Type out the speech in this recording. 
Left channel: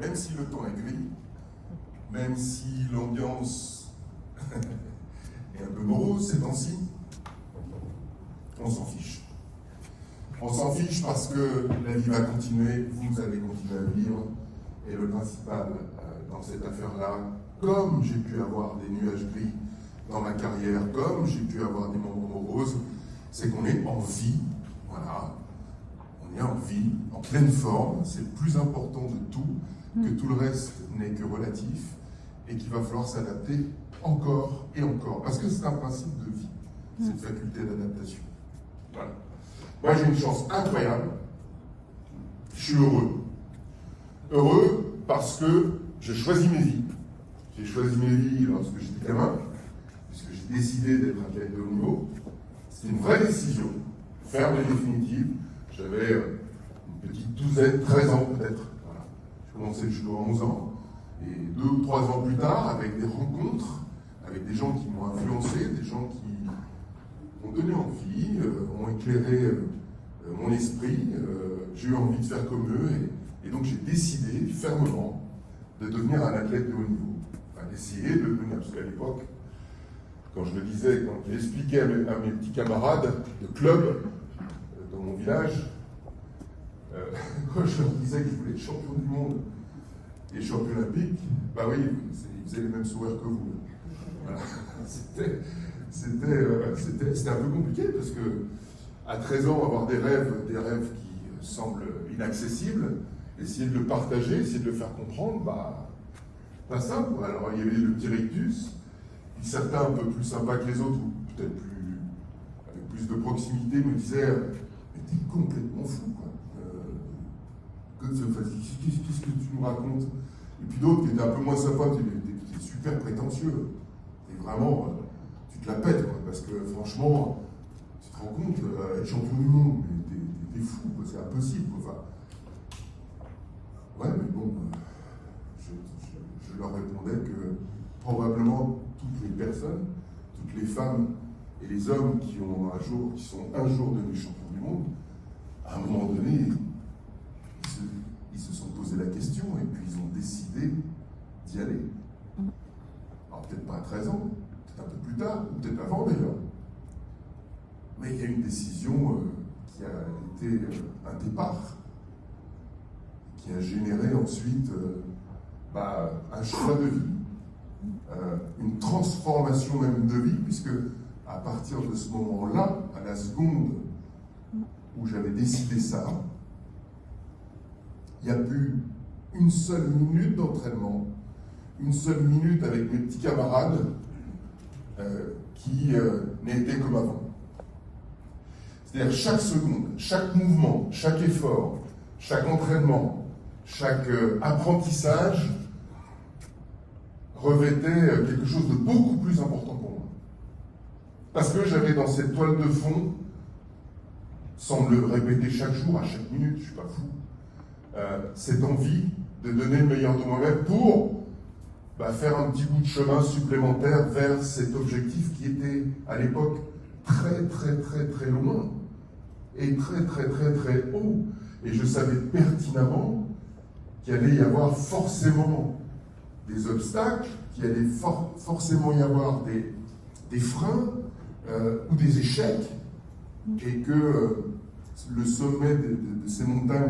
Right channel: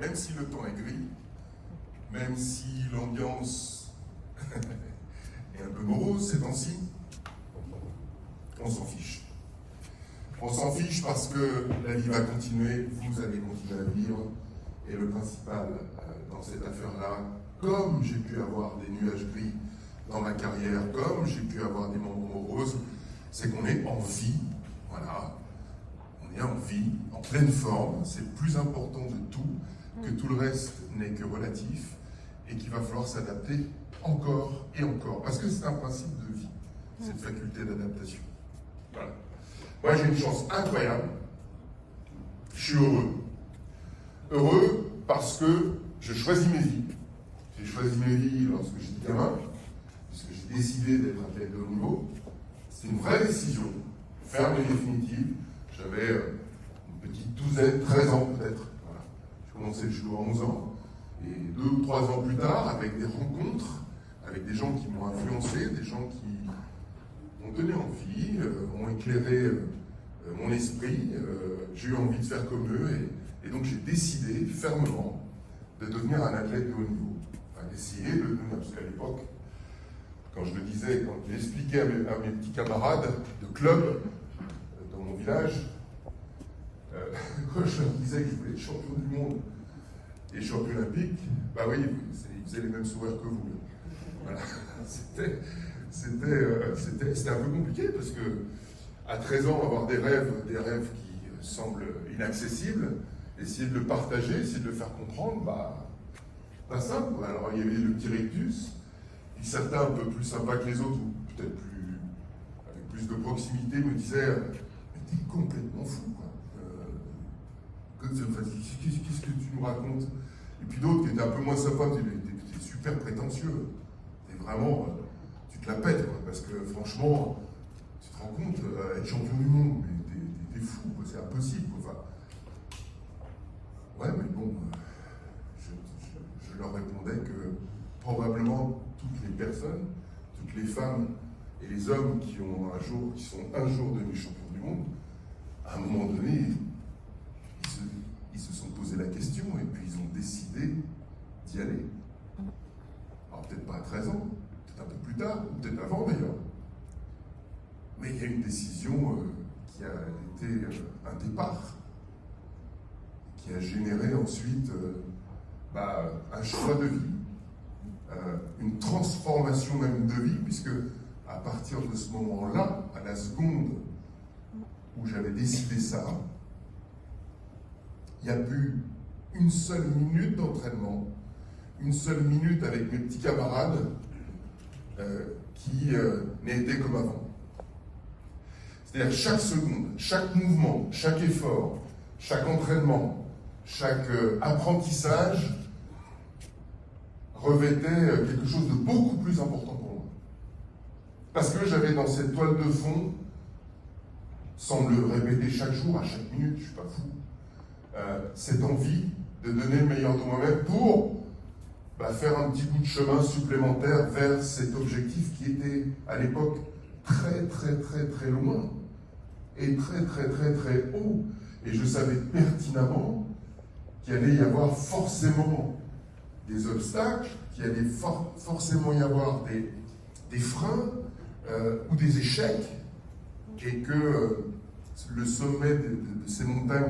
même si le temps est gris, même si l'ambiance est un peu morose ces temps-ci, on s'en fiche. On s'en fiche parce que la vie va continuer, vous allez continuer à vivre, et le principal dans cette affaire-là, comme j'ai pu avoir des nuages gris dans ma carrière, comme j'ai pu avoir des moments moroses, c'est qu'on est en vie, voilà, on est en vie, en pleine forme, c'est le plus important de tout, que tout le reste n'est que relatif, et qu'il va falloir s'adapter encore et encore, parce que c'est un principe de vie, cette faculté d'adaptation. Voilà. Moi j'ai une chance incroyable, je suis heureux. Heureux parce que j'ai choisi mes vies. J'ai choisi mes vies lorsque j'étais gamin, puisque j'ai décidé d'être athlète de haut niveau. C'était une vraie décision, ferme et définitive. J'avais une petite douzaine, 13 ans peut-être. Voilà. Je commençais le judo à 11 ans. Et 2 ou 3 ans plus tard, avec des rencontres, avec des gens qui m'ont influencé, des gens qui m'ont donné envie, m'ont éclairé mon esprit, j'ai eu envie de faire comme eux, et donc j'ai décidé fermement de devenir un athlète de haut niveau. Enfin, d'essayer de devenir, parce qu'à l'époque, quand je le disais, quand j'expliquais à mes petits camarades de club dans mon village, quand je leur disais que je voulais être champion du monde et champion olympique, bah oui, ils faisaient les mêmes sourires que vous. Voilà. C'était un peu compliqué parce que à 13 ans, avoir des rêves qui semblent inaccessibles, essayer de le partager, essayer de le faire comprendre, pas simple. Alors il y avait le petit rictus, puis certains un peu plus sympas que les autres, ou peut-être avec plus de proximité, me disaient mais t'es complètement fou. Qu'est-ce que tu nous racontes? Et puis d'autres qui étaient un peu moins sympas, t'es super prétentieux. T'es vraiment, tu te la pètes, quoi, parce que franchement, tu te rends compte, être champion du monde, mais t'es fou, c'est impossible. Enfin, ouais, mais bon, je leur répondais que probablement toutes les personnes, toutes les femmes et les hommes qui sont un jour devenus champions du monde, à un moment donné, ils se sont posé la question et puis ils ont décidé d'y aller. Alors peut-être pas à 13 ans, peut-être un peu plus tard, peut-être avant d'ailleurs. Mais il y a une décision qui a été un départ, qui a généré ensuite un choix de vie, une transformation même de vie, puisque à partir de ce moment-là, à la seconde où j'avais décidé ça, il n'y a plus une seule minute d'entraînement, une seule minute avec mes petits camarades qui n'était comme avant. C'est-à-dire chaque seconde, chaque mouvement, chaque effort, chaque entraînement, chaque apprentissage revêtait quelque chose de beaucoup plus important pour moi. Parce que j'avais dans cette toile de fond, sans me le répéter chaque jour, à chaque minute, je ne suis pas fou, cette envie de donner le meilleur de moi-même pour faire un petit bout de chemin supplémentaire vers cet objectif qui était à l'époque très très très très loin et très très très très haut. Et je savais pertinemment qu'il allait y avoir forcément des obstacles, qu'il allait forcément y avoir des freins ou des échecs, et que le sommet de ces montagnes